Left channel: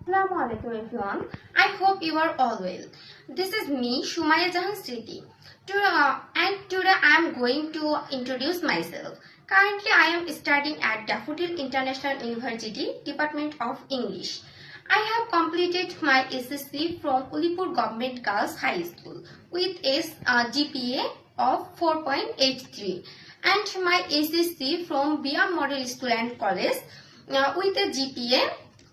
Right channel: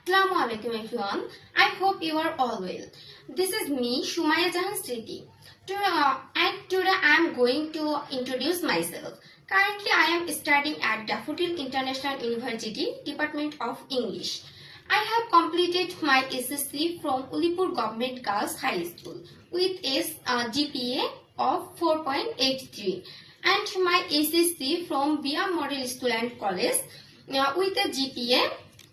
Assalamu alaikum everyone. I hope you are all well. This is me, Shumaya Jahan Sriti. Today I am going to introduce myself. Currently I am studying at Daffodil International University, Department of English. I have completed my SSC from Ulipur Government Girls High School with a GPA of 4.83 and my SSC from BR Model School and College with a GPA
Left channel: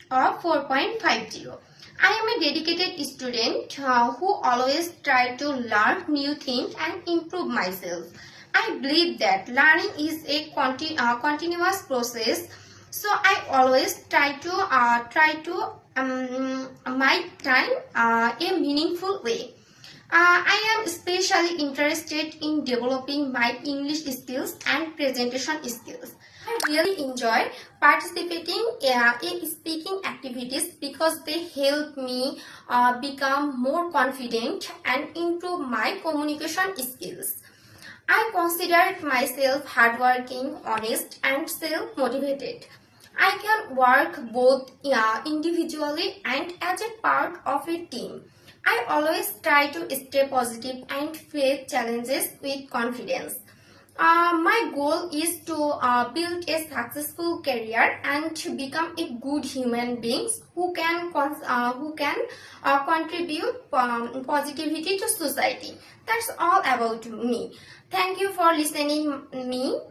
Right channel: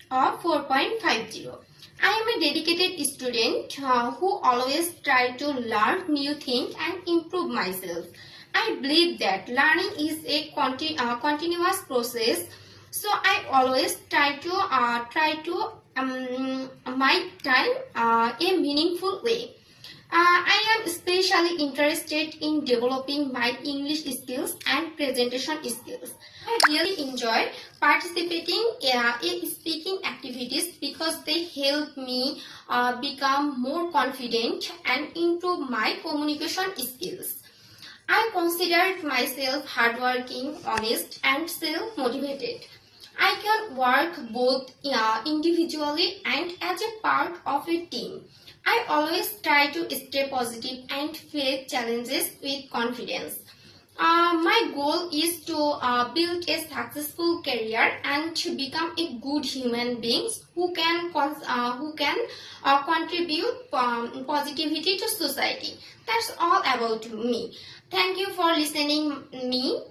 of 4.50. I am a dedicated student who always try to learn new things and improve myself. I believe that learning is a continuous process, so I always try to my time a meaningful way. I am especially interested in developing my English skills and presentation skills. I really enjoy participating in speaking activities because they help me become more confident and improve my communication skills. I consider myself hardworking, honest, and self-motivated. I can work both individually and as a part of a team. I always try to stay positive and face challenges with confidence. My goal is to build a successful career and to become a good human being who can contribute positivity to society. That's all about me. Thank you for listening me.